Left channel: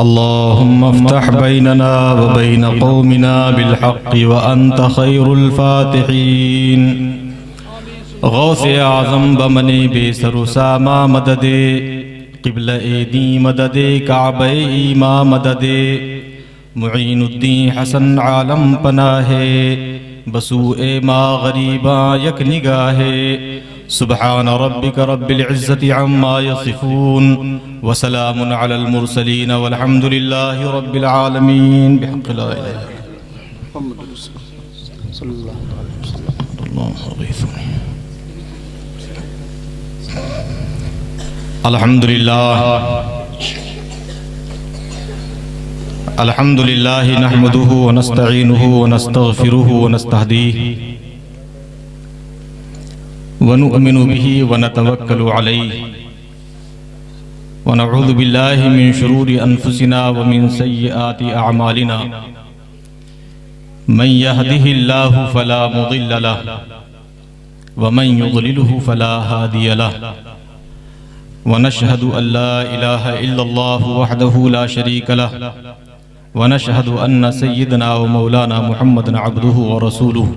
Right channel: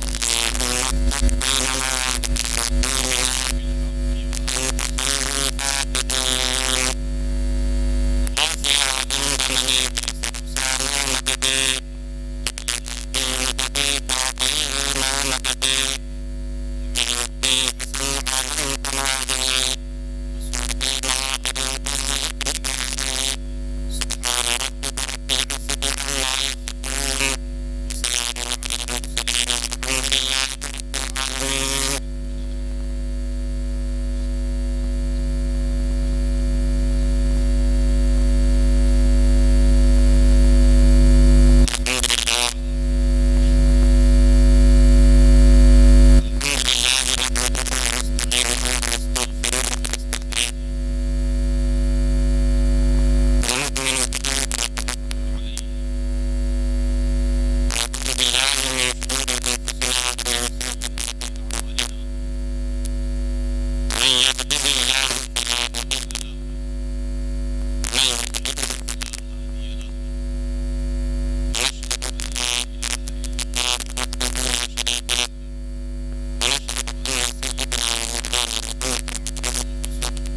اللهم افتح بيننا وبين قومنا بالحق وأنت خير الفاتحين غوث اعظم بمنی بے سر و ساما مدد قبلہ ایدی مدد کعبہ ایما مدد معین الدین حسن عالم پناہ بسوء ما غریبا یک نگاہ سبحان ربك رب العزة عما يصفون وسلام على المرسلين والحمد لله رب العالمين بحق لا إله إلا الله. الحمد لله نحمده ونستعينه ونستغفره ونستهديه ونؤمن به ونتوكل عليه ونعوذ بالله من شرور أنفسنا ومن سيئات أعمالنا من يهده الله فلا مضل له ومن يضلله فلا هادي له ونشهد أن لا إله إلا الله وحده لا شريك له ونشهد أن سيدنا ومولانا محمد عبده ورسوله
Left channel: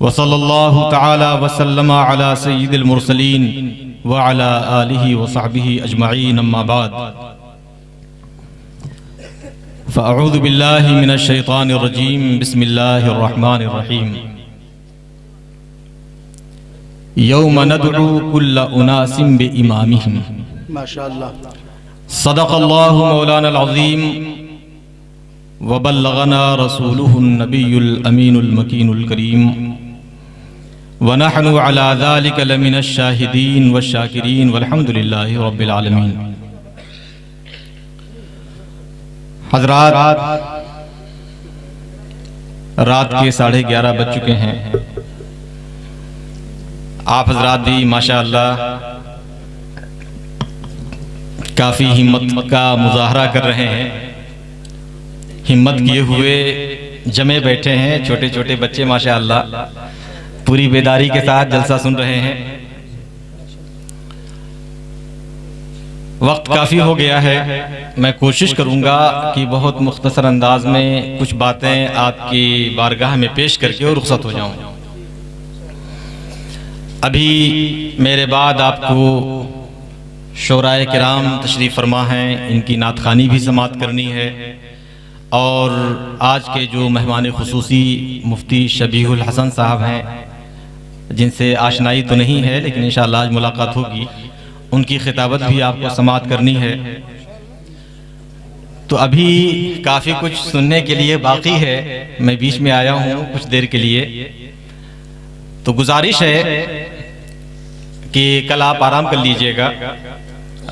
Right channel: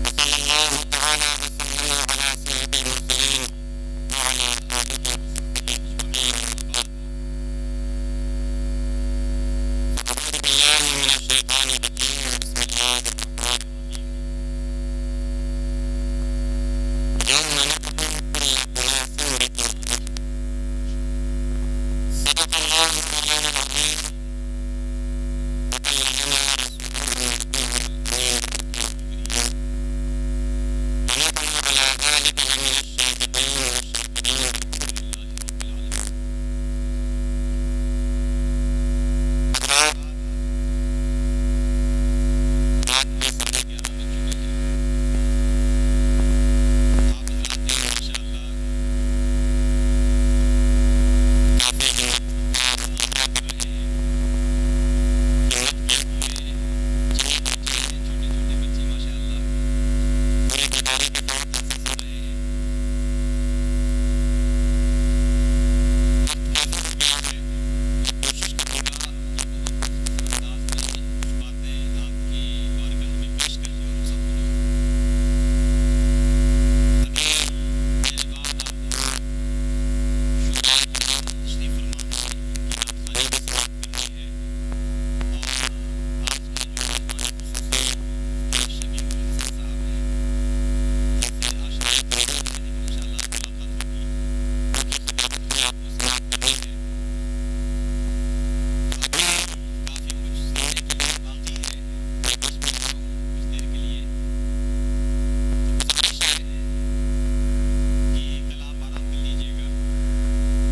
وصلى الله تعالى وسلم على سيد المرسلين وعلى آله وصحبه أجمعين أما بعد فأعوذ بالله من الشيطان الرجيم بسم الله الرحمن الرحيم يوم ندعو كل أناس بإمامهم ما شاء الله صدق الله مولانا العظيم وبلغنا رسوله النبي الأمين المكين الكريم ونحن على ذلك لمن الشاهدين والشاكرين والحمد لله رب العالمين. حضرات رات کے 11:30 بج چکے ہیں. آپ حضرات بھی ماشاءاللہ کافی ہمت کا مظاہرہ کر رہے ہیں. ہمت کیے ہوئے جمے بیٹھے ہیں. چھوٹے چھوٹے بچے ماشاءاللہ پوری بیداری کے ساتھ جلسہ سن رہے ہیں. وقت کافی ہو گیا ہے. میں کوشش کروں گا کہ بہت مختصر انداز میں کچھ باتیں آپ کی بارگاہ میں پیش کر کے اور رخصت ہو جاؤں. ابھی میرے بعد آپ کو شورائے کرام تشریف فرما ہیں. ان کی نعت خوانی بھی سماعت کرنی ہے. اور آج کے جو مہمان خصوصی مفتی شبیح الحسن صاحب ہیں جن سے آشنائی تو نہیں ہے لیکن انشاءاللہ آج ملاقات ہوگی. ان کی خطابت بھی آپ کو سماعت کرنی ہے. تو ابھی کافی کچھ سننے کے لیے باقی ہے. میں بیچ میں آیا ہوں کچھ دیر کے لیے. تو گزارش ہے کہ کل آپ آرام کر لیجئے گا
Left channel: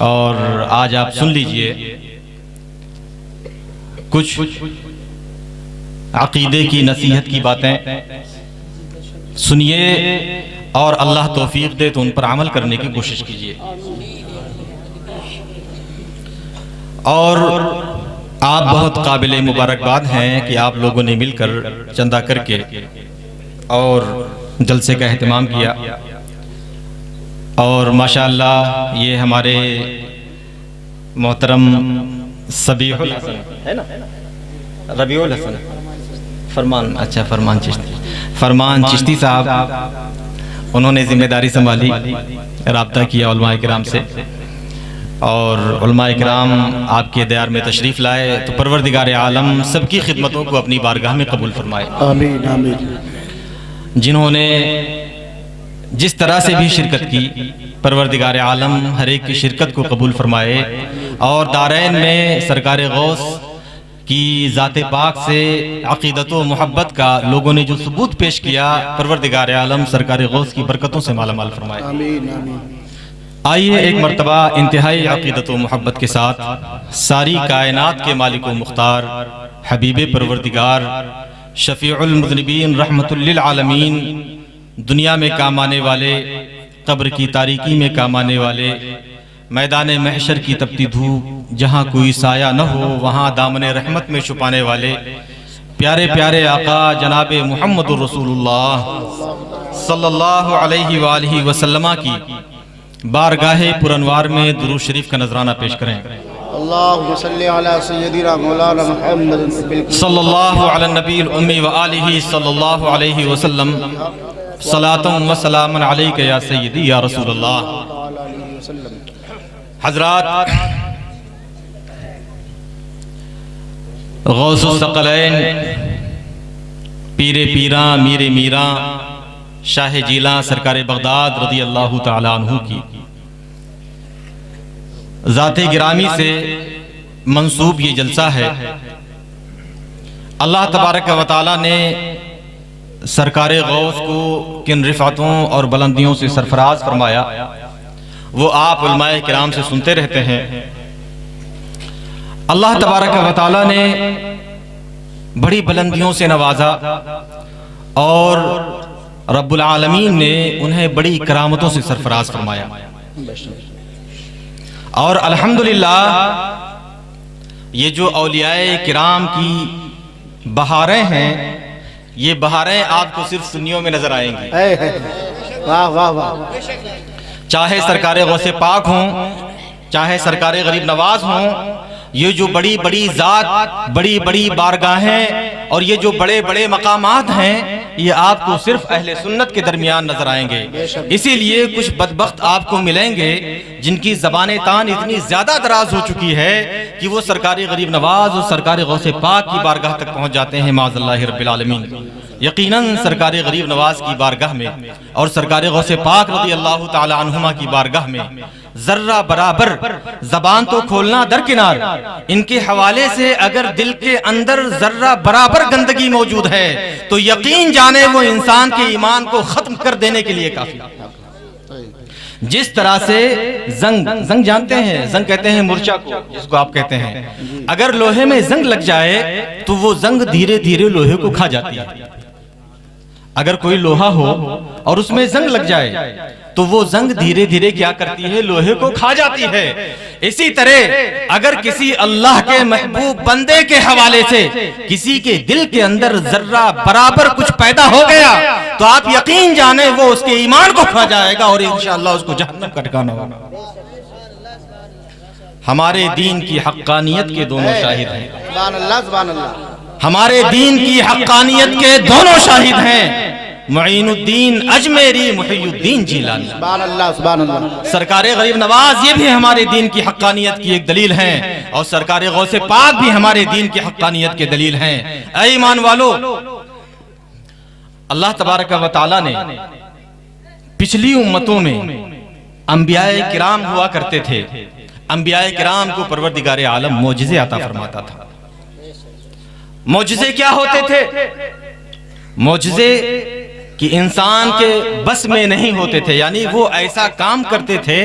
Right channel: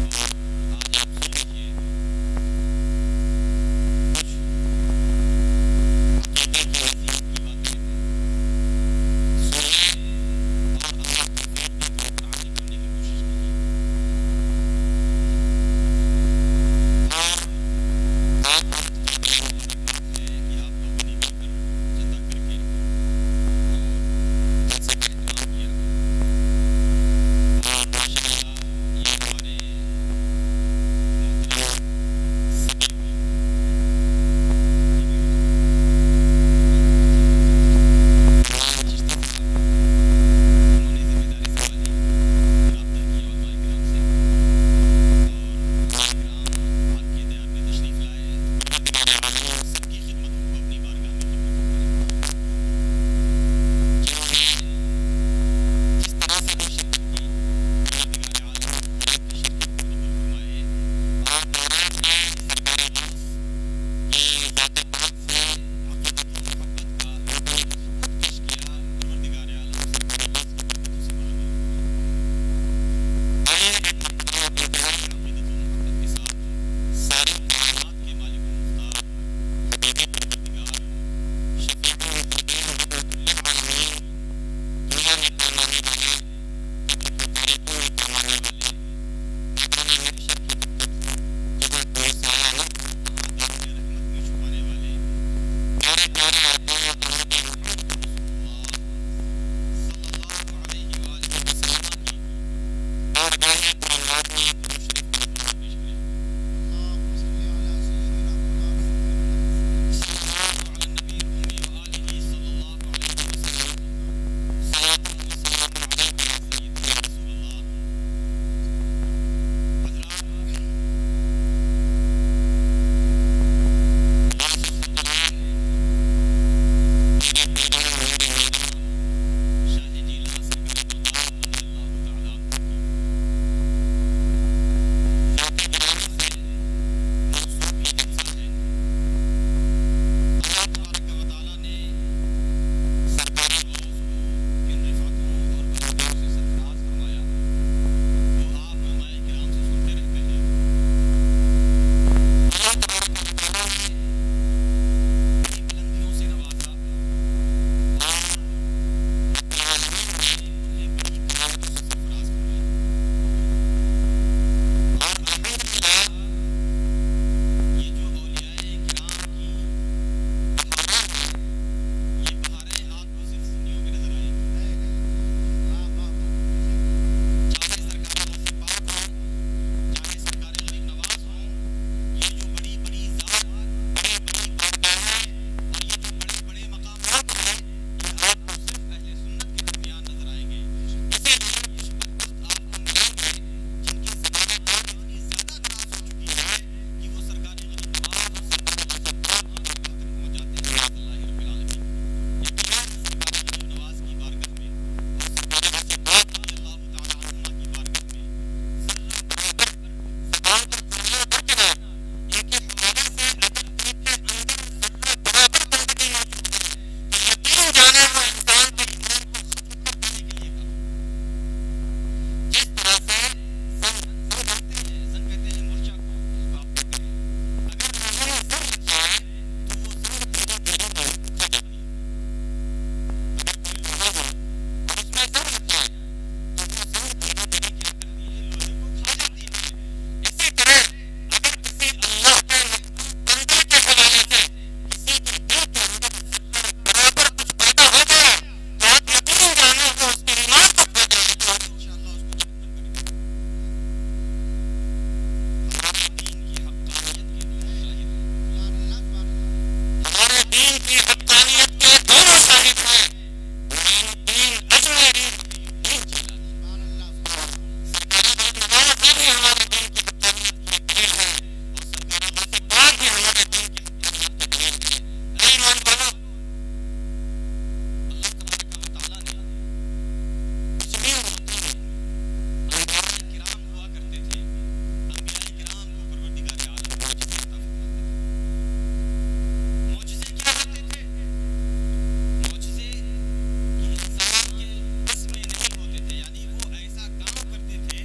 اور آج آپ سن لیجئے. کچھ عقیدے کی نصیحت کی باتیں سنیے اور اللہ توفیق دے تو ان پر عمل کرنے کی کوشش کیجیے. اور آپ بہت قابل مبارکباد ہیں کہ آپ لوگوں نے مل کر چندہ کر کے اور جلسے کا اہتمام کیا. اور ماشاءاللہ یہ ہمارے محترم سبیح الحسن ہے نا ربیع الحسن فرمان چشتی صاحب انہوں نے ذمہ داری سنبھالی. رابطہ کیا علماء کرام سے اور علماء کرام آپ کے دیار میں تشریف لائے. تو پروردگار عالم سب کی خدمتوں کو اپنی بارگاہ میں قبول فرمائے. آمین آمین. جنہوں نے جس طرح سے بھی شرکت کی پروردگار عالم ہر ایک کی شرکت کو قبول فرمائے. اور دارین میں سرکار غوث کی ذات پاک سے عقیدت و محبت کا لوگوں نے جو ثبوت پیش کیا پروردگار عالم سرکار غوث کی برکتوں سے مالا مال فرمائے. آئیے ایک مرتبہ انتہائی عقیدت و محبت کے ساتھ ساری کائنات کے مالک و مختار حبیب پروردگار شفیع المذنبین رحمت للعالمین دنیا میں کام آنے والے قبر کی تاریکی میں کام آنے والے میدان محشر کی تپتی دھوپ جہاں کوئی سایہ نہ ہو وہاں دامن رحمت میں چھپانے والے پیارے پیارے آقا جناب محمد رسول اللہ صلی اللہ علیہ وآلہ وسلم کی بارگاہ پرانوار میں درود شریف کا نذرانہ پیش کریں. اللهم صل على سيدنا مولانا محمد صلی اللہ علی النبی الامی وآلہ صلی اللہ علیہ وسلم صلاۃ و سلام علیک یا سیدی یا رسول اللہ۔ حضرات، غوث الثقلین پیر پیراں میر میراں شاہ جیلاں سرکار بغداد رضی اللہ تعالی عنہ کی ذات گرامی سے منسوب یہ جلسہ ہے۔ اللہ تبارک و تعالی نے سرکار غوث کو کن رفعتوں اور بلندیوں سے سرفراز فرمایا وہ آپ علماء کرام سے سنتے رہتے ہیں۔ اللہ تبارک و تعالی نے بڑی بلندیوں سے نوازا اور رب العالمین نے انہیں بڑی کرامتوں سے سرفراز فرمایا، اور الحمدللہ یہ جو اولیاء کرام کی بہاریں ہیں، یہ بہاریں آپ کو صرف سنیوں میں نظر آئیں گی۔ واہ واہ واہ، چاہے سرکار غوث پاک ہوں، چاہے سرکار غریب نواز ہوں، یہ جو بڑی بڑی ذات، بڑی بڑی بارگاہیں اور یہ جو بڑے بڑے مقامات ہیں، یہ آپ کو صرف اہل سنت کے درمیان نظر آئیں گے۔ اسی لیے کچھ بدبخت آپ کو ملیں گے جن کی زبان تان اتنی زیادہ دراز ہو چکی ہے کہ وہ سرکار غریب نواز اور سرکار غوث پاک کی بارگاہ تک پہنچ جاتے ہیں معاذ اللہ رب العالمین۔ یقیناً سرکار غریب نواز کی بارگاہ میں اور سرکار غوث پاک رضی اللہ تعالی عنہما کی بارگاہ میں ذرہ برابر زبان تو کھولنا درکنار، ان کے حوالے سے اگر دل کے اندر ذرہ برابر گندگی موجود ہے تو یقین جانے وہ انسان کے ایمان کو ختم کر دینے کے لیے کافی۔ جس طرح سے زنگ جانتے ہیں، زنگ کہتے ہیں مرچا کو، جس کو آپ کہتے ہیں، اگر لوہے میں زنگ لگ جائے تو وہ زنگ دھیرے دھیرے لوہے کو کھا جاتی ہے۔ اگر کوئی لوہا ہو اور اس میں زنگ لگ جائے تو وہ زنگ دھیرے دھیرے کیا کرتی ہے؟ لوہے کو کھا جاتی ہے۔ اسی طرح اگر کسی اللہ کے محبوب بندے کے حوالے سے کسی کے دل کے اندر ذرہ برابر کچھ پیدا ہو گیا تو آپ یقین جانیں وہ اس کے ایمان کو کھا جائے گا اور انشاءاللہ اس کو جہنم کا ٹھکانہ ہوگا۔ ہمارے دین کی حقانیت کے دونوں شاہد ہیں، سبحان اللہ سبحان اللہ، ہمارے دین کی حقانیت کے دونوں شاہد ہیں، معین الدین اجمیری، محی الدین جیلانی۔ سبحان اللہ سبحان اللہ، سرکار غریب نواز یہ بھی ہمارے دین کی حقانیت کی ایک دلیل ہیں، اور سرکار غوث پاک بھی ہمارے دین کی حقانیت کے دلیل ہیں۔ اے ایمان والو، اللہ تبارک و تعالی نے پچھلی امتوں میں انبیاء کرام ہوا کرتے تھے، انبیاء کرام کو پروردگار عالم معجزے عطا فرماتا تھا۔ معجزے کیا ہوتے تھے؟ معجزے کہ انسان کے بس میں نہیں ہوتے تھے، یعنی وہ ایسا کام کرتے تھے،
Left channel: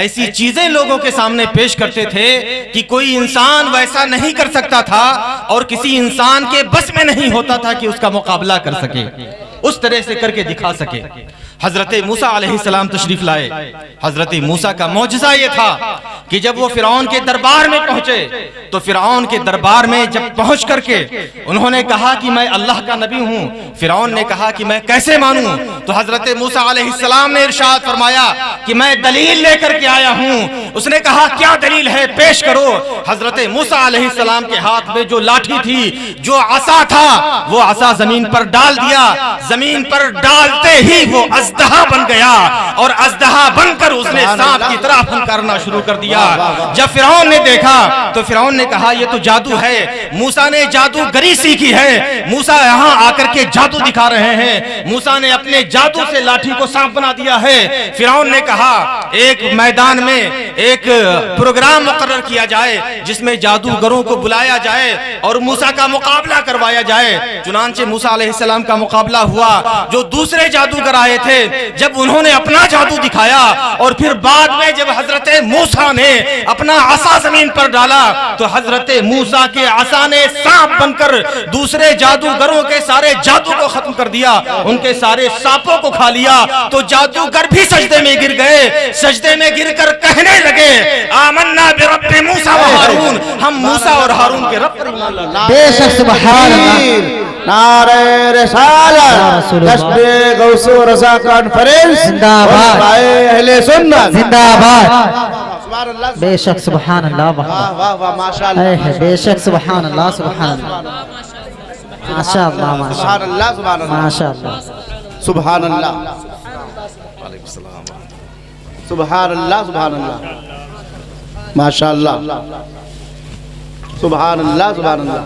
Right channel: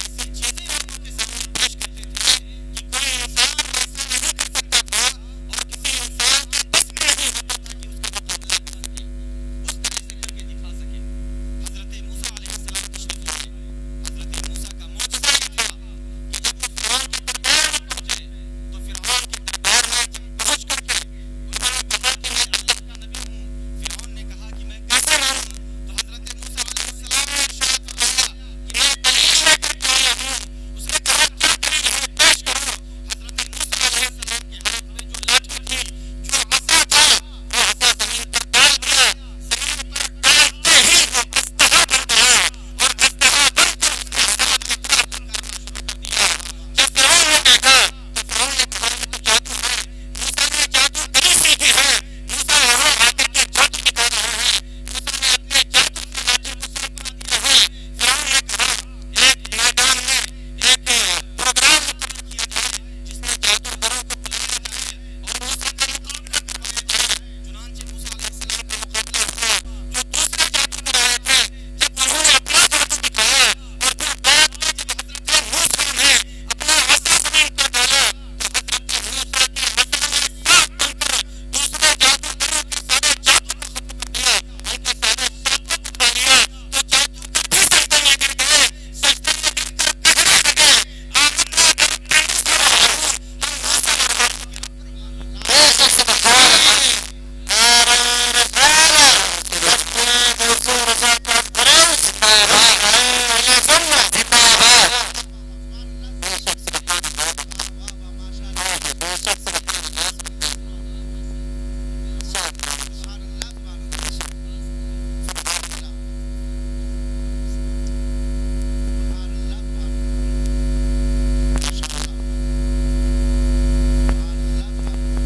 ایسی چیزیں لوگوں کے سامنے پیش کرتے تھے کہ کوئی انسان ویسا نہیں کر سکتا تھا اور کسی انسان کے بس میں نہیں ہوتا تھا کہ اس کا مقابلہ کر سکے، اس طرح سے کر کے دکھا سکے۔ حضرت موسیٰ علیہ السلام تشریف لائے۔ حضرت موسیٰ کا معجزہ یہ تھا کہ جب وہ فرعون کے دربار میں پہنچے تو فرعون کے دربار میں جب پہنچ کر کے انہوں نے کہا کہ میں اللہ کا نبی ہوں، فرعون نے کہا کہ میں کیسے مانوں؟ تو حضرت موسیٰ علیہ السلام نے ارشاد فرمایا کہ میں دلیل لے کر کے آیا ہوں۔ اس نے کہا کیا دلیل ہے؟ پیش کرو۔ حضرت موسیٰ علیہ السلام کے ہاتھ میں جو لاٹھی تھی، جو عصا تھا، وہ عصا زمین پر ڈال دیا۔ زمین پر ڈالتے ہی وہ اژدہا بن گیا اور اژدہا بن کر اس نے سانپ کی طرح پھنکارنا شروع کر دیا۔ جب فرعون نے دیکھا تو فرعون نے کہا یہ تو جادو ہے، موسیٰ نے جادوگری سیکھی ہے، موسیٰ یہاں آ کر کے جادو دکھا رہے ہیں، موسیٰ نے اپنے جادو سے لاٹھی کو سانپ بنا دیا ہے۔ فرعون نے کہا ایک میدان میں ایک پروگرام مقرر کیا جائے جس میں جادوگروں کو بلایا جائے اور موسیٰ کا مقابلہ کروایا جائے۔ چنانچہ موسیٰ علیہ السلام کا مقابلہ ہوا۔ جو دوسرے جادوگر آئے تھے جب انہوں نے اپنا جادو دکھایا اور پھر بعد میں جب حضرت موسیٰ نے اپنا عصا زمین پر ڈالا تو حضرت موسیٰ کے عصا نے سانپ بن کر دوسرے جادوگروں کے سارے جادو کو ختم کر دیا، ان کے سارے سانپوں کو کھا لیا۔ تو جادوگر بھی سجدے میں گر گئے، سجدے میں گر کر کہنے لگے آمنا برب موسیٰ و ہارون، ہم موسیٰ اور ہارون کے رب پر ایمان لاتے ہیں۔ بے شک سبحان اللہ، نعرہ رسالت، کشف غوث و رضا کانفرنس، زندہ باد، اہل سنت زندہ باد۔ بے شک سبحان اللہ واہ واہ واہ ماشاء اللہ بے شک سبحان اللہ سبحان اللہ ماشاء اللہ سبحان اللہ سبحان اللہ ماشاء اللہ سبحان اللہ سبحان اللہ سبحان اللہ ماشاء اللہ سبحان اللہ سبحان اللہ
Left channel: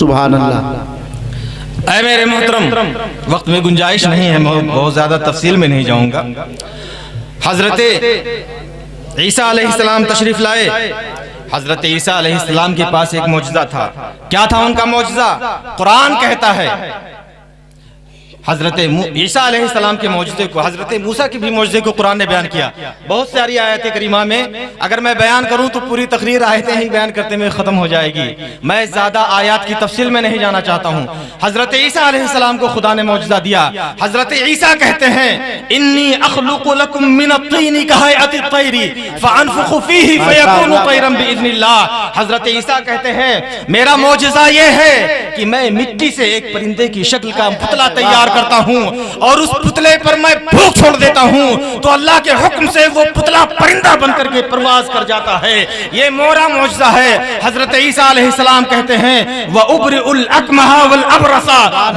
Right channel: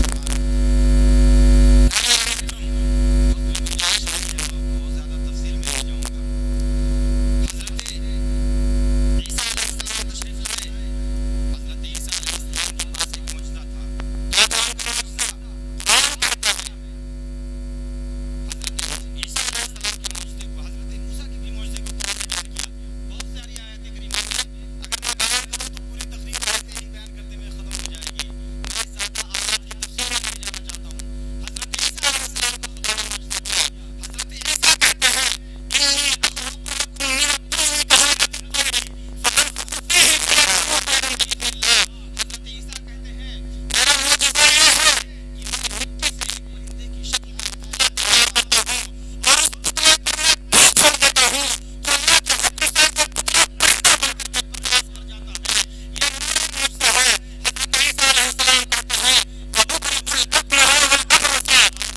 سبحان اللہ اے میرے محترم، وقت میں گنجائش نہیں ہے، میں بہت زیادہ تفصیل میں نہیں جاؤں گا۔ حضرت عیسیٰ علیہ السلام تشریف لائے۔ حضرت عیسیٰ علیہ السلام کے پاس ایک معجزہ تھا۔ کیا تھا ان کا معجزہ؟ قرآن کہتا ہے حضرت عیسیٰ علیہ السلام کے معجزے کو، حضرت موسیٰ کے بھی معجزے کو قرآن نے بیان کیا۔ بہت ساری آیت کریمہ میں اگر میں بیان کروں تو پوری تقریر آیتیں ہی بیان کرتے میں ختم ہو جائے گی۔ میں زیادہ آیات کی تفصیل میں نہیں جانا چاہتا ہوں۔ حضرت عیسیٰ علیہ السلام کو خدا نے معجزہ دیا۔ حضرت عیسیٰ کہتے ہیں انی اخلق لکم من الطین کہیئۃ الطیر فانفخ فیہ فیکون طیرا باذن اللہ۔ حضرت عیسیٰ کہتے ہیں میرا معجزہ یہ ہے کہ میں مٹی سے ایک پرندے کی شکل کا پتلا تیار کرتا ہوں اور اس پتلے پر میں پھونک چھوڑ دیتا ہوں تو اللہ کے حکم سے وہ پتلا پرندہ بن کر کے پرواز کر جاتا ہے۔ یہ میرا معجزہ ہے۔ حضرت عیسیٰ علیہ السلام کہتے ہیں وَأُبْرِئُ الْأَكْمَحَ وَالْأَبْرَصَ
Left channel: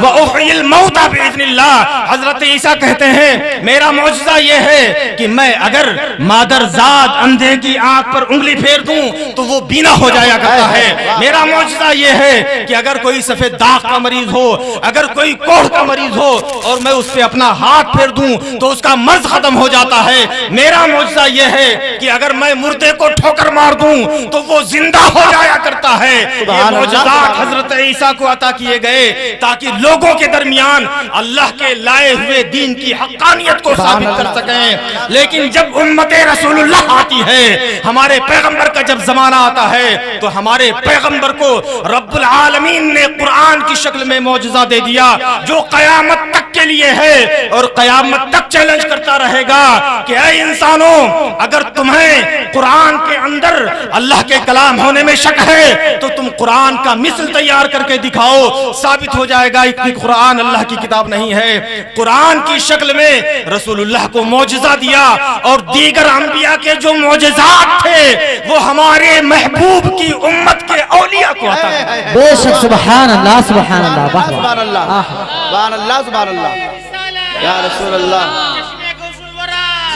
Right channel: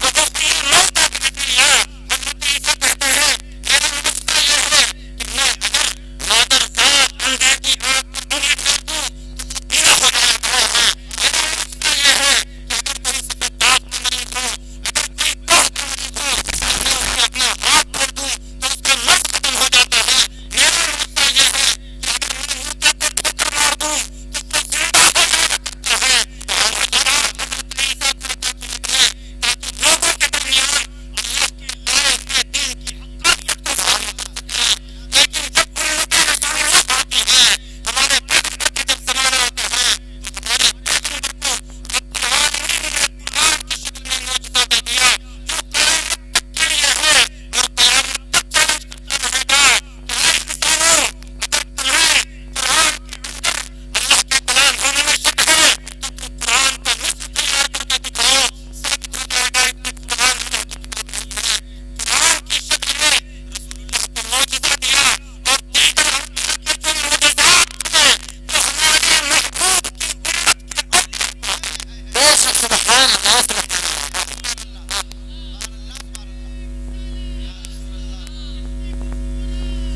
وَأُحْيِي الْمَوْتَى بِإِذْنِ اللَّهِ۔ حضرت عیسیٰ کہتے ہیں میرا معجزہ یہ ہے کہ میں اگر مادر زاد اندھے کی آنکھ پر انگلی پھیر دوں تو وہ بینا ہو جایا کرتا ہے۔ میرا معجزہ یہ ہے کہ اگر کوئی سفید داغ کا مریض ہو، اگر کوئی کوڑھ کا مریض ہو اور میں اس پہ اپنا ہاتھ پھیر دوں تو اس کا مرض ختم ہو جاتا ہے۔ میرا معجزہ یہ ہے کہ اگر میں مردے کو ٹھوکر مار دوں تو وہ زندہ ہو جایا کرتا ہے۔ یہ معجزات حضرت عیسیٰ کو عطا کیے گئے تاکہ لوگوں کے درمیان اللہ کے لائے ہوئے دین کی حقانیت کو ثابت کر سکیں۔ لیکن جب امت رسول اللہ آتی ہے، ہمارے پیغمبر کا جب زمانہ آتا ہے تو ہمارے پیغمبر کو رب العالمین نے قرآن کی شکل میں معجزہ دے دیا جو قیامت تک کے لیے ہے اور قیامت تک چیلنج کرتا رہے گا کہ اے انسانوں، اگر تمہیں قرآن کے اندر اللہ کے کلام ہونے میں شک ہے تو تم قرآن کا مثل تیار کر کے دکھاؤ، ثابت ہو جائے گا کہ قرآن اللہ کی کتاب نہیں ہے۔ قرآن کی شکل میں رسول اللہ کو معجزہ دیا اور دیگر انبیاء کے جو معجزات تھے وہ ہمارے محبوب کی امت کے اولیاء کو عطا کیا۔ بے شک سبحان اللہ سبحان اللہ سبحان اللہ سبحان اللہ سبحان اللہ یا رسول اللہ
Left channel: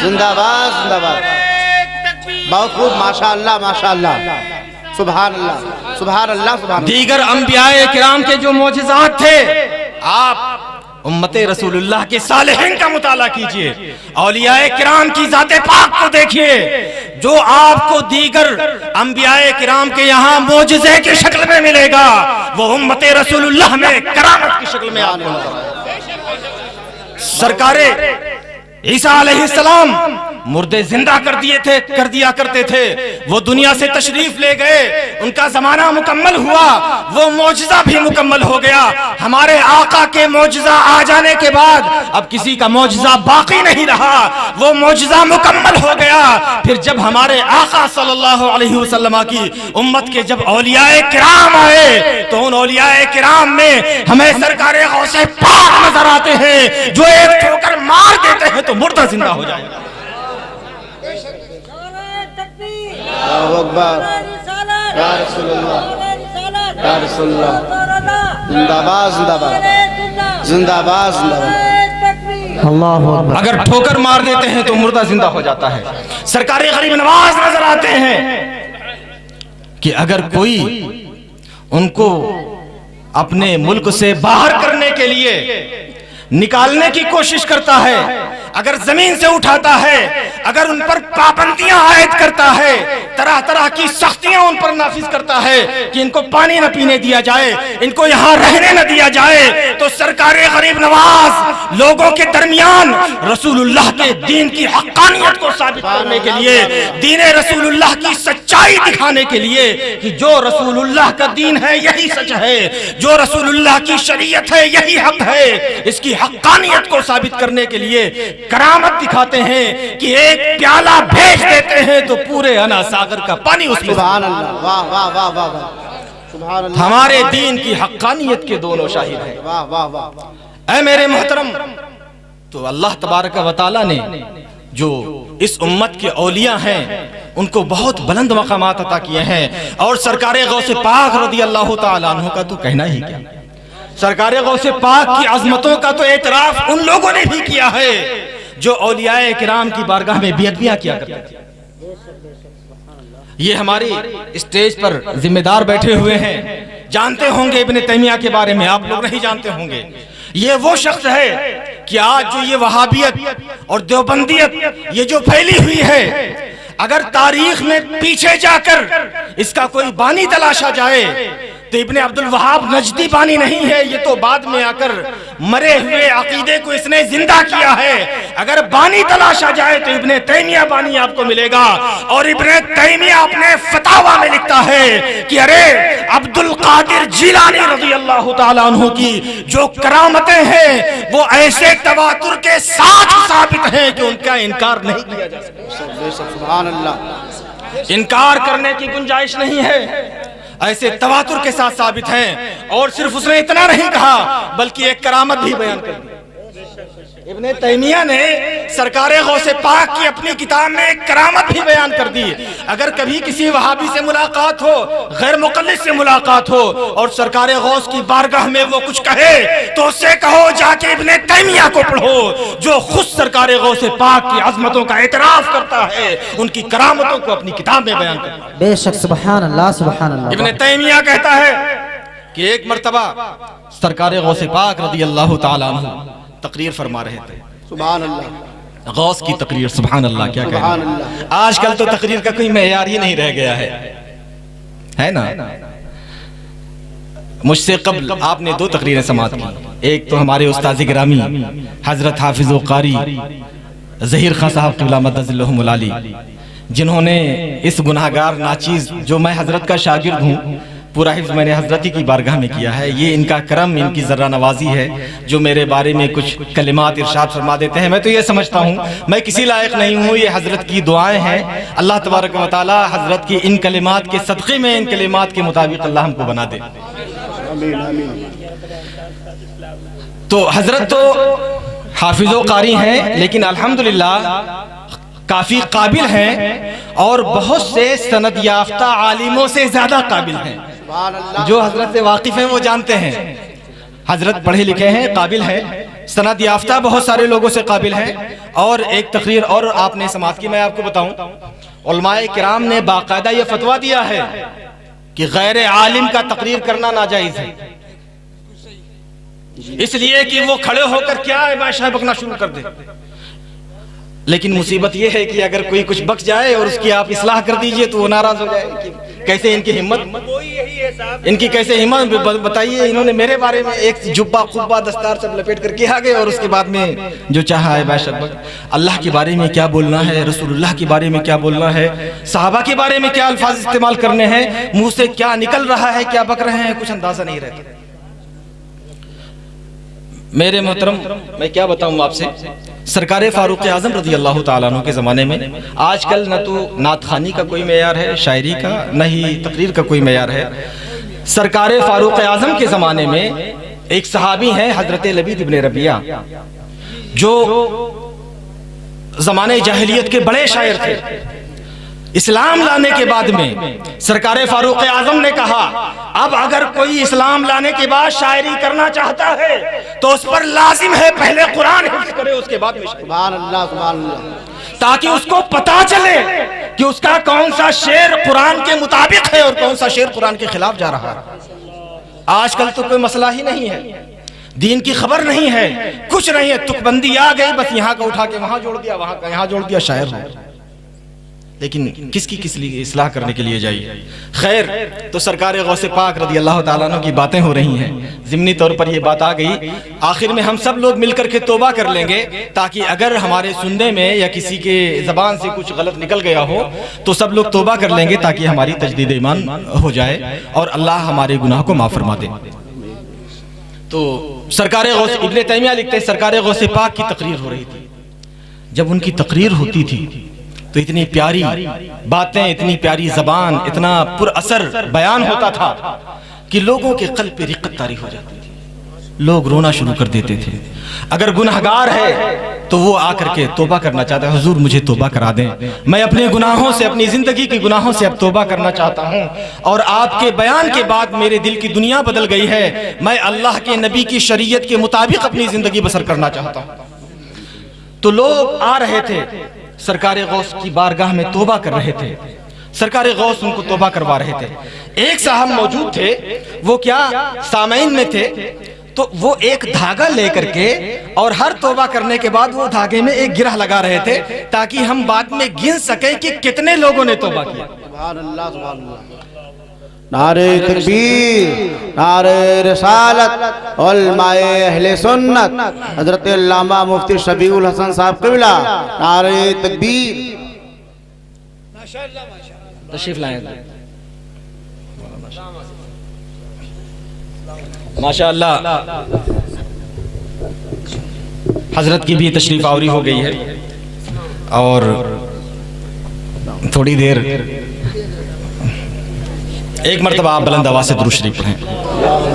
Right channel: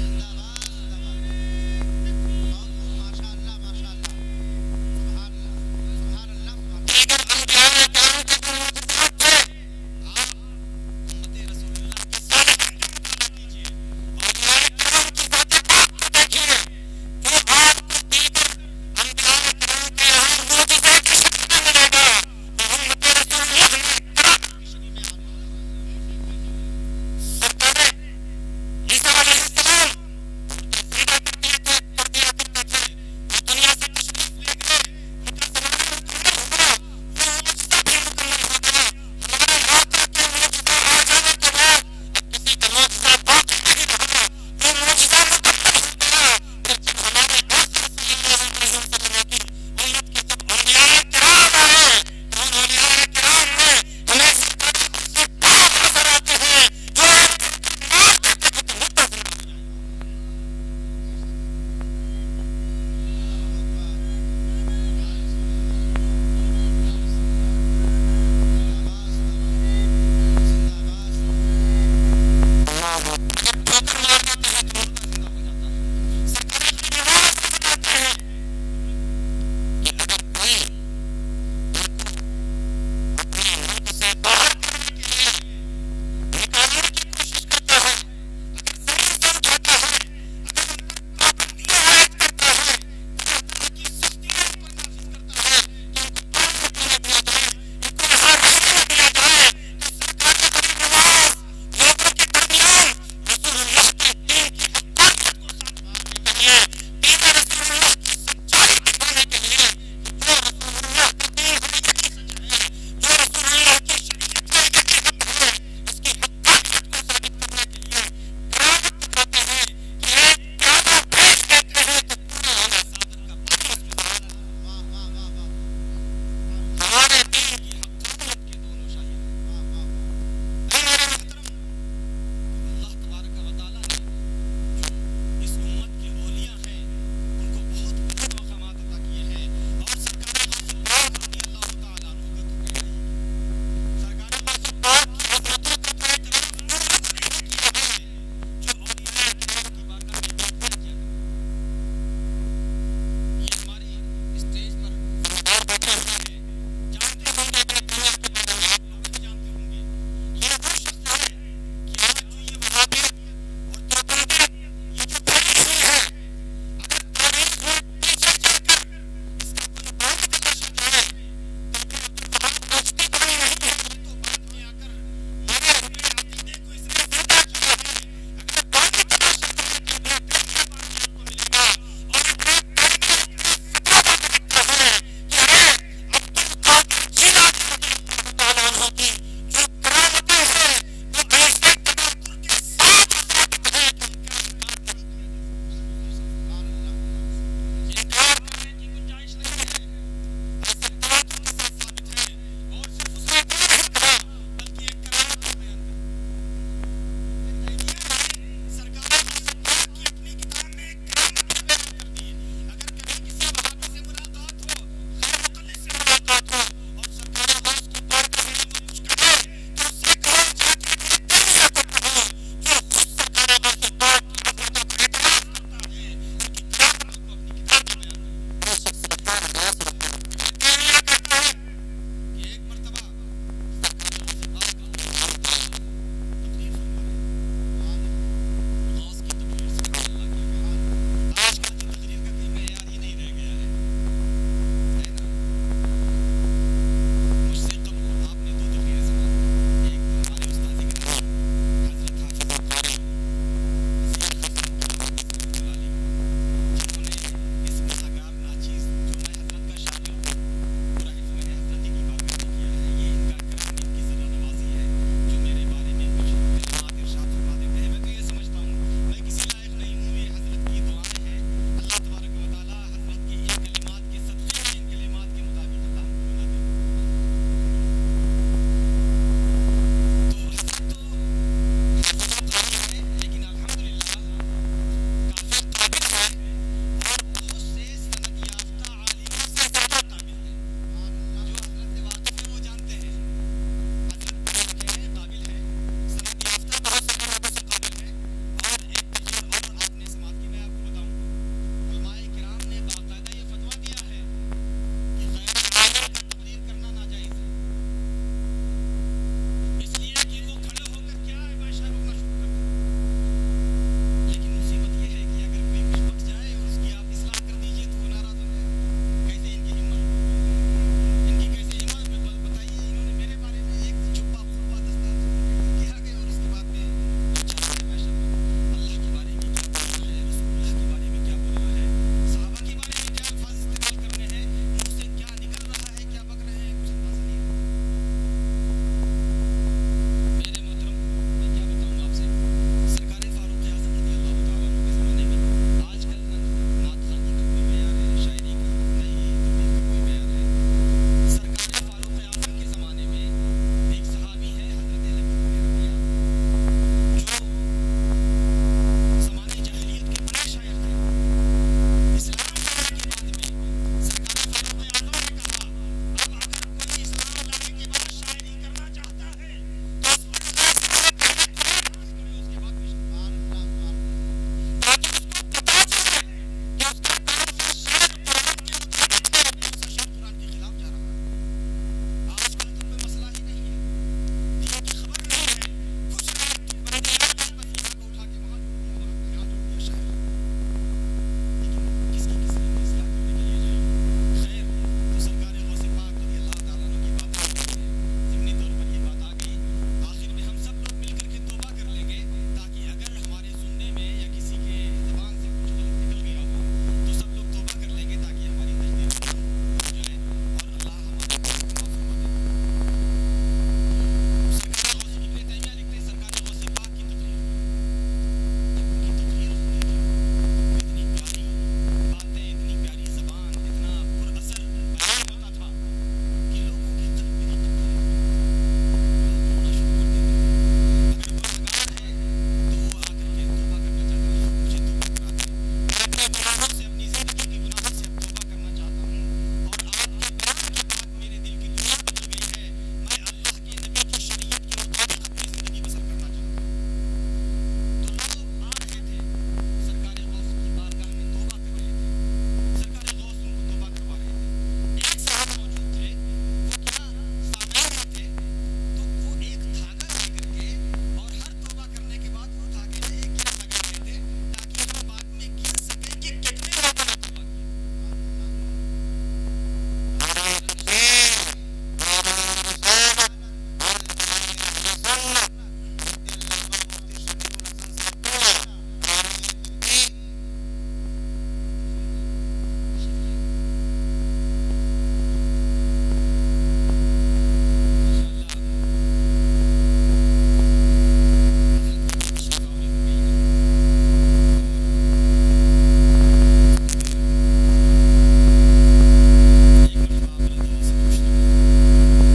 زندہ باد زندہ باد۔ بہت خوب ماشاء اللہ ماشاء اللہ سبحان اللہ سبحان اللہ سبحان اللہ۔ دیگر انبیاء کرام کے جو معجزات تھے آپ امت رسول اللہ کے صالحین کا مطالعہ کیجئے، اولیاء کرام کی ذات پاک کو دیکھیے، جو آپ کو دیگر انبیاء کرام کے یہاں معجزے کی شکل میں ملے گا وہ امت رسول اللہ میں کرامت کی شکل میں آنے والا ہے۔ سرکار عیسیٰ علیہ السلام مردے زندہ کر دیا کرتے تھے، وہ دنیا سے تشریف لے گئے، ان کا زمانہ مکمل ہوا، وہ معجزہ بھی مکمل ہو گیا۔ ہمارے آقا کے معجزہ آ جانے کے بعد اب کسی کا معجزہ باقی نہیں رہا، وہ معجزہ مکمل ہو گیا۔ پھر جب ہمارے آقا صلی اللہ علیہ وسلم کی امت کے جب اولیاء کرام آئے تو ان اولیاء کرام میں ہمیں سرکار غوث پاک نظر آتے ہیں جو ایک ٹھوکر مار دیتے ہیں تو مردہ زندہ ہو جائے گا۔ اللہ اکبر یا رسول اللہ یا رسول اللہ زندہ باد زندہ باد زندہ باد زندہ باد۔ اللہ اکبر۔ اگر ٹھوکر مار دیتے ہیں تو مردہ زندہ ہو جاتا ہے۔ سرکار غریب نواز نظر آتے ہیں کہ اگر کوئی ان کو اپنے ملک سے باہر کرنے کے لیے نکالنے کی کوشش کرتا ہے، اگر زمین سے اٹھاتا ہے، اگر ان پر پابندیاں عائد کرتا ہے، طرح طرح کی سختیاں ان پر نافذ کرتا ہے کہ ان کو پانی نہ پینے دیا جائے، ان کو یہاں رہنے نہ دیا جائے، تو سرکار غریب نواز لوگوں کے درمیان رسول اللہ کے دین کی حقانیت کو ثابت کرنے کے لیے، دین رسول اللہ کی سچائی دکھانے کے لیے کہ جو رسول اللہ کا دین ہے یہی سچ ہے، جو رسول اللہ کی شریعت ہے یہی حق ہے، اس کی حقانیت کو ثابت کرنے کے لیے کرامت دکھاتے ہیں کہ ایک پیالہ بھیج دیتے ہیں تو پورے انا ساگر کا پانی اس میں۔ سبحان اللہ واہ واہ واہ واہ واہ سبحان اللہ۔ ہمارے دین کی حقانیت کے دونوں شاہد ہیں۔ واہ واہ واہ واہ۔ اے میرے محترم، تو اللہ تبارک و تعالی نے جو اس امت کے اولیاء ہیں ان کو بہت بلند مقامات عطا کیے ہیں، اور سرکار غوث پاک رضی اللہ تعالیٰ عنہ کا تو کہنا ہی کیا، سرکار غوث پاک کی عظمتوں کا تو اعتراف ان لوگوں نے بھی کیا ہے جو اولیاء کرام کی بارگاہ میں بیعتیاں کیا کرتے تھے۔ یہ ہماری اسٹیج پر ذمہ دار بیٹھے ہوئے ہیں، جانتے ہوں گے ابن تیمیہ کے بارے میں، آپ لوگ نہیں جانتے ہوں گے۔ یہ وہ شخص ہے کہ آج جو یہ وہابیت اور دیوبندیت یہ جو پھیلی ہوئی ہے، اگر تاریخ میں پیچھے جا کر اس کا کوئی بانی تلاشا جائے تو ابن عبد الوہاب نجدی بانی نہیں ہے، یہ تو بعد میں آ کر مرے ہوئے عقیدے کو اس نے زندہ کیا ہے۔ اگر بانی تلاشا جائے تو ابن تیمیہ بانی آپ کو ملے گا، اور ابن تیمیہ اپنے فتاوی میں لکھتا ہے کہ ارے عبد القادر جیلانی رضی اللہ تعالیٰ عنہ کی جو کرامتیں ہیں وہ ایسے تواتر کے ساتھ ثابت ہیں کہ ان کا انکار نہیں کیا جا سکتا، سبحان اللہ، انکار کرنے کی گنجائش نہیں ہے، ایسے تواتر کے ساتھ ثابت ہیں۔ اور صرف اس نے اتنا نہیں کہا بلکہ ایک کرامت بھی بیان کر دی۔ ابن تیمیہ نے سرکار غوث پاک کی اپنی کتاب میں ایک کرامت بھی بیان کر دی۔ اگر کبھی کسی وہابی سے ملاقات ہو، غیر مقلد سے ملاقات ہو، اور سرکار غوث کی بارگاہ میں وہ کچھ کہے تو اس سے کہو جا کے ابن تیمیہ کو پڑھو جو خود سرکار غوث پاک کی عظمتوں کا اعتراف کرتا ہے، ان کی کرامتوں کو اپنی کتاب میں بیان کرتا ہے۔ بے شک، سبحان اللہ سبحان اللہ۔ ابن تیمیہ کہتا ہے کہ ایک مرتبہ سرکار غوث پاک رضی اللہ تعالیٰ عنہ تقریر فرما رہے تھے، سبحان اللہ، غوث کی تقریر، سبحان اللہ، کیا سبحان کہنا۔ اللہ۔ آج کل تو تقریر کا کوئی معیار ہی نہیں رہ گیا ہے نا۔ مجھ سے قبل آپ نے 2 تقریریں سماعت کی، ایک تو ہمارے استاذ گرامی حضرت حافظ و قاری ظہیر خان صاحب قبلہ مدد اللہم العالی، جنہوں نے اس گناہگار ناچیز جو میں حضرت کا شاگرد ہوں، پورا حفظ میں نے حضرت کی بارگاہ میں کیا ہے، یہ ان کا کرم، ان کی ذرہ نوازی ہے جو میرے بارے میں کچھ کلمات ارشاد فرما دیتے ہیں۔ میں تو یہ سمجھتا ہوں میں کسی لائق نہیں ہوں، یہ حضرت کی دعائیں ہیں، اللہ تبارک و تعالی حضرت کی ان کلمات کے صدقے میں ان کلمات کے مطابق اللہ ہم کو بنا دے۔ تو حضرت تو حافظ و قاری ہیں، لیکن الحمدللہ کافی قابل ہیں، اور بہت سے سند یافتہ عالموں سے زیادہ قابل ہیں۔ جو حضرت سے واقف ہیں وہ جانتے ہیں، حضرت پڑھے لکھے ہیں، قابل ہیں، سند یافتہ بہت سارے لوگوں سے قابل ہیں۔ اور ایک تقریر اور آپ نے سماعت کی، میں آپ کو بتاؤں، علماء کرام نے باقاعدہ یہ فتویٰ دیا ہے کہ غیر عالم کا تقریر کرنا ناجائز ہے، اس لیے کہ وہ کھڑے ہو کر کیا عائشہ بکنا شروع کر دے۔ لیکن مصیبت یہ ہے کہ اگر کوئی کچھ بک جائے اور اس کی آپ اصلاح کر دیجئے تو وہ ناراض ہو جائے کہ کیسے ان کی ہمت، ان کی کیسے ہمت، بتائیے انہوں نے میرے بارے میں ایک جبہ قبہ دستار سب لپیٹ کر کے آگے، اور اس کے بعد میں جو چاہا ہے باشد اللہ کے بارے میں کیا بولنا ہے، رسول اللہ کے بارے میں کیا بولنا ہے، صحابہ کے بارے میں کیا الفاظ استعمال کرنے ہیں، منہ سے کیا نکل رہا ہے، کیا بک رہے ہیں، کچھ اندازہ نہیں رہتا۔ میرے محترم، میں کیا بتاؤں آپ سے، سرکار فاروق اعظم رضی اللہ تعالیٰ عنہ کے زمانے میں آج کل نہ تو نعت خوانی کا کوئی معیار ہے، شاعری کا، نہ ہی تقریر کا کوئی معیار ہے۔ سرکار فاروق اعظم کے زمانے میں ایک صحابی ہیں حضرت لبید ابن ربیعہ، جو زمانے جاہلیت کے بڑے شاعر تھے۔ اسلام لانے کے بعد میں سرکار فاروق اعظم نے کہا اب اگر کوئی اسلام لانے کے بعد شاعری کرنا چاہتا ہے تو اس پر لازم ہے پہلے قرآن حفظ کرے، اس کے بعد میں شاعری، سبحان اللہ، سبحان اللہ، تاکہ اس کو پتا چلے کہ اس کا کون سا شعر قرآن کے مطابق ہے اور کون سا شعر قرآن کے خلاف جا رہا ہے۔ آج کل تو کوئی مسئلہ ہی نہیں ہے، دین کی خبر نہیں ہے، کچھ نہیں ہے، تک بندی آ گئی، بس یہاں کا اٹھا کے وہاں جوڑ دیا، وہاں کا یہاں جوڑ دیا، شاعر ہے۔ لیکن کس کی کس لیے اصلاح کرنے کے لیے جائیے۔ خیر، تو سرکار غوث پاک رضی اللہ تعالیٰ عنہ کی باتیں ہو رہی ہیں، ضمنی طور پر یہ بات آ گئی، آخر میں ہم سب لوگ مل کر کے توبہ کر لیں گے، تاکہ اگر ہمارے سننے میں یا کسی کے زبان سے کچھ غلط نکل گیا ہو تو سب لوگ توبہ کر لیں گے، تاکہ ہماری تجدید ایمان ہو جائے اور اللہ ہمارے گناہ کو معاف فرما دے۔ تو سرکار غوث، ابن تیمیہ لکھتے ہیں، سرکار غوث پاک کی تقریر ہو رہی تھی۔ جب ان کی تقریر ہوتی تھی تو اتنی پیاری باتیں، اتنی پیاری زبان، اتنا پر اثر بیان ہوتا تھا کہ لوگوں کے قلب پہ رقت طاری ہو جاتی تھی، لوگ رونا شروع کر دیتے تھے، اگر گنہگار ہے تو وہ آ کر کے توبہ کرنا چاہتا ہے، حضور مجھے توبہ کرا دیں، میں اپنے گناہوں سے، اپنی زندگی کے گناہوں سے اب توبہ کرنا چاہتا ہوں، اور آپ کے بیان کے بعد میرے دل کی دنیا بدل گئی ہے، میں اللہ کے نبی کی شریعت کے مطابق اپنی زندگی بسر کرنا چاہتا ہوں۔ تو لوگ آ رہے تھے سرکار غوث کی بارگاہ میں توبہ کر رہے تھے، سرکار غوث ان کو توبہ کروا رہے تھے۔ ایک صاحب موجود تھے، وہ کیا سامعین میں تھے، تو وہ ایک دھاگا لے کر کے اور ہر توبہ کرنے کے بعد وہ دھاگے میں ایک گرہ لگا رہے تھے تاکہ ہم بعد میں گن سکیں کہ کتنے لوگوں نے توبہ کیا۔ سبحان اللہ سبحان اللہ۔ نعرہ تکبیر، نعرہ رسالت، علماء اہل سنت حضرت علامہ مفتی شفیع الحسن صاحب قبلہ، نعرہ تکبیر۔ تشریف لائیں ماشاءاللہ، حضرت کی بھی تشریف آوری ہو گئی ہے، اور تھوڑی دیر ایک مرتبہ آپ بلند آواز سے درود شریف پڑھیں۔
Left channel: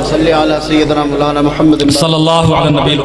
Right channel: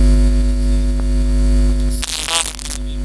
صلی علی سیدنا مولانا محمد صلی اللہ علیہ وسلم۔